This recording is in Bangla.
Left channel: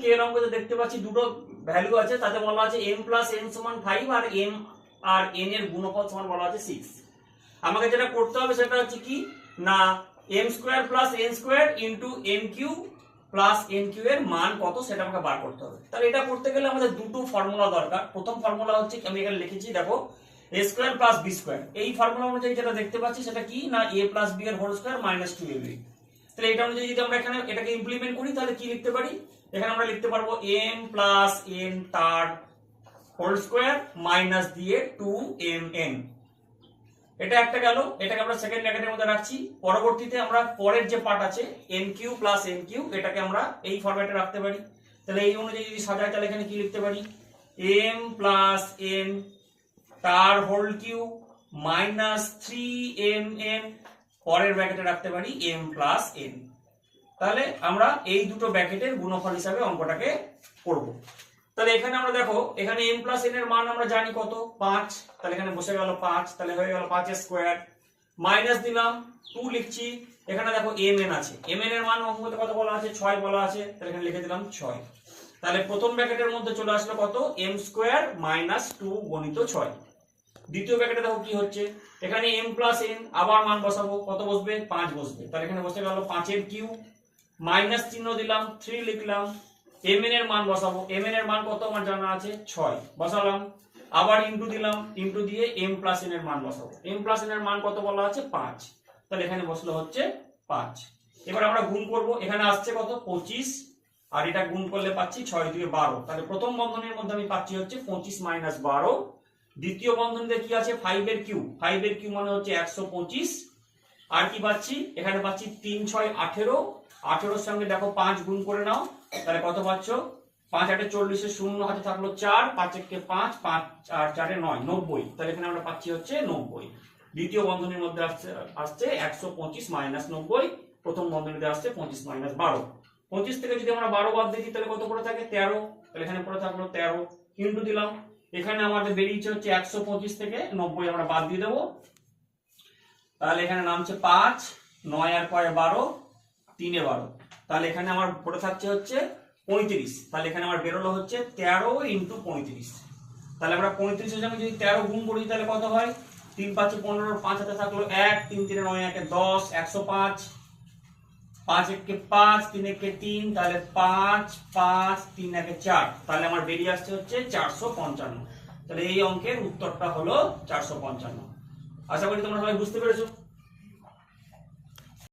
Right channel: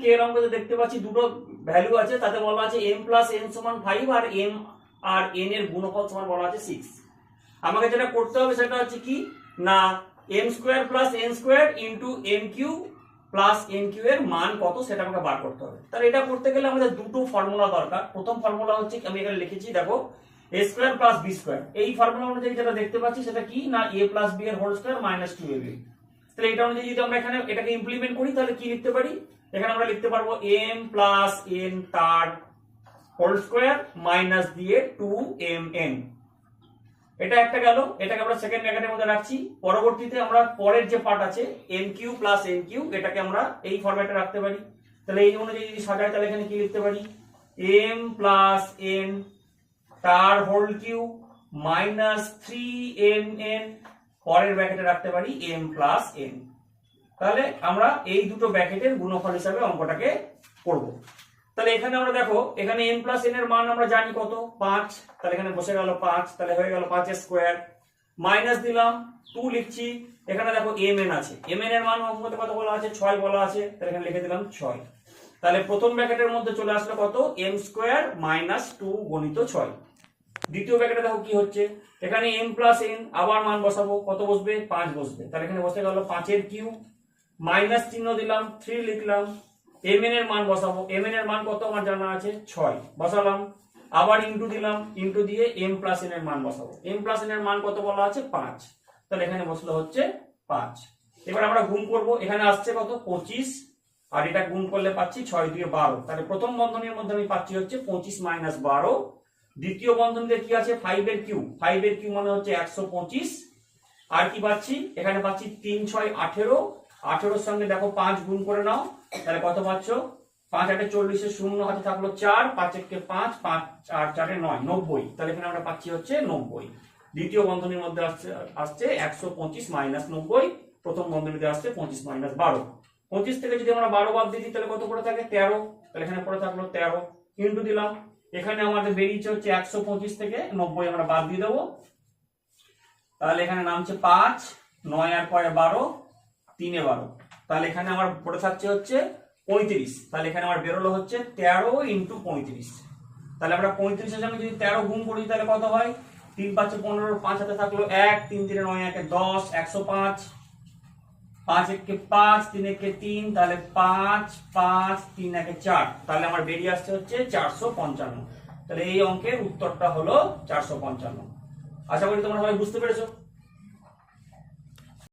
কে এর অঙ্কতে দেখতে পাচ্ছি দুটো ভ্যালু আছে, তাতে বলা আছে m প্লাস n সমান 5 আর m আর n এর গুণফল সমান বলা আছে 6। আমাকে যেটা করতে হবে সেটা হচ্ছে কি না m square plus n square into m cube plus n cube এর মান কত সেটা আমাকে বার করতে হবে। তাহলে এটা করতে গেলে আমাদের দুটো ফর্মুলা দরকার। প্রথম ফর্মুলা হচ্ছে আমি এখানে লিখেছি দেখো a square plus b square. এই ফর্মুলা অনুযায়ী যেটা দেখতে পাচ্ছি সেটা কি না a প্লাস b এর হোল স্কয়ার মাইনাস 2ab। তাহলে এটা অনুযায়ী যদি আমরা এখানে এটাকে ইমপ্লিমেন্ট করি তাহলে কি লিখতে পারি, এখানে আমরা লিখতে পারবো m প্লাস n তার হোল স্কয়ার মাইনাস দিয়ে 2mn। এটা একটা গেল, এটাকে আমরা সেকেন্ড ব্র্যাকেটের মধ্যে রাখছি। পরবর্তীতে আমরা পরের যে পার্ট আছে mq প্লাস nq এটাকে আমরা এই ফরম্যাটে রাখতে পারি। তাহলে এই অনুযায়ী যদি সাজাই তাহলে এখানে কি লিখতে পারি m প্লাস n তার হোল কিউ মাইনাস 3mn, পরের ব্র্যাকেটে রাখতে পারি m প্লাস n। তাহলে আমরা এই দুটো ব্র্যাকেটের গুণফল হিসাবে অঙ্কটাকে করব। তাহলে এখানে আমরা দেখো এখানে m প্লাস n এর মান আমরা জানি কত 5, তাহলে এখানে বসে গেল 5, তাহলে হয়ে গেল 5 এর স্কয়ার মাইনাস দিলাম 2 লিখছি। এখানে দেখো mn আছে, mn এর মান অঙ্কতে কত বলা আছে 6 বলা আছে, তাহলে এখানে লিখে দিলাম 6। তাহলে প্রথম ব্র্যাকেটের মধ্যে চলে আসলো কত m স্কয়ার মাইনাস 2 গুণিত 6। দ্বিতীয় ব্র্যাকেটে দেখো কি হচ্ছে এখানে m প্লাস n আবার মান বসাবো, কত বসবে 5 বসবে, তাহলে এখানে বসে গেল 5 এর কিউ মাইনাস চিহ্ন দিলাম 3 লিখলাম। mn এর মান বসাবো, mn এর মান কত আমার জানা আছে 6 বসালাম, আবার ইনটু দিলাম, ইনটু দিয়ে m প্লাস n এর মান বসাবো, m প্লাস n এর মান কত বলা আছে 5, তাহলে এখানে বসলো হচ্ছে 5। এবার আমরা গুণ করব, এখানে আসছে কত 25 আর এটা গুণ করলে পাচ্ছি 6 দিয়ে 12, তাহলে প্রথম বন্ধনীর মধ্যে আমি পাচ্ছি হচ্ছে 25 মাইনাস 12। দ্বিতীয় বন্ধনীতে কি আছে 5 এর কিউ, 5 এর কিউ মানে হচ্ছে 125, আর কি পাচ্ছি এখানে পাচ্ছি 3 6 18, 18 এর সঙ্গে দেখো 5 গুণ করে নাও, তাহলে কত পাচ্ছ 5 8 40 এর শূন্য হাতে থাকলো 4, 5 1 কে 5, 5 আর 4 এ 9, 90। তাহলে এখানে আমরা পাচ্ছি হচ্ছে 90। দ্বিতীয় বন্ধনীর মধ্যে আসছে 125 মাইনাস 90, প্রথম বন্ধনীতে আসছে 25 মাইনাস 12। 25 থেকে যদি আমরা 12 বাদ দিই তাহলে কত পড়ে থাকে 13, তাহলে এখানে পড়ে থাকলো 13 ইনটু দিলাম, এখানে আমাদের বেরিয়েছে হচ্ছে 125 থেকে 90 আমরা বাদ দিয়ে দেবো, তাহলে এখানে নামছে 5 9 আর পরে 12 3 এ 12, তাহলে এখানে আমার পড়ে থাকছে হচ্ছে 35। তাহলে এখানে আমার বেরোলো হচ্ছে 13 ইনটু 35। তাহলে আমরা 35 এর সঙ্গে যদি 13 গুণ করি তাহলে কত হয় 3 5 15, 5 হাতে থাকলো 1, 3 3 9 1 10, 105, 5 1 কে 5, 3 1 কে 3, তাহলে 5 5 3 1 কে 4, তাহলে আমার বেরিয়ে আসছে হচ্ছে 455। তাহলে এই অঙ্কের উত্তরটা হলো 455। আশা করি তোমরা সবাই বুঝতে পেরেছো।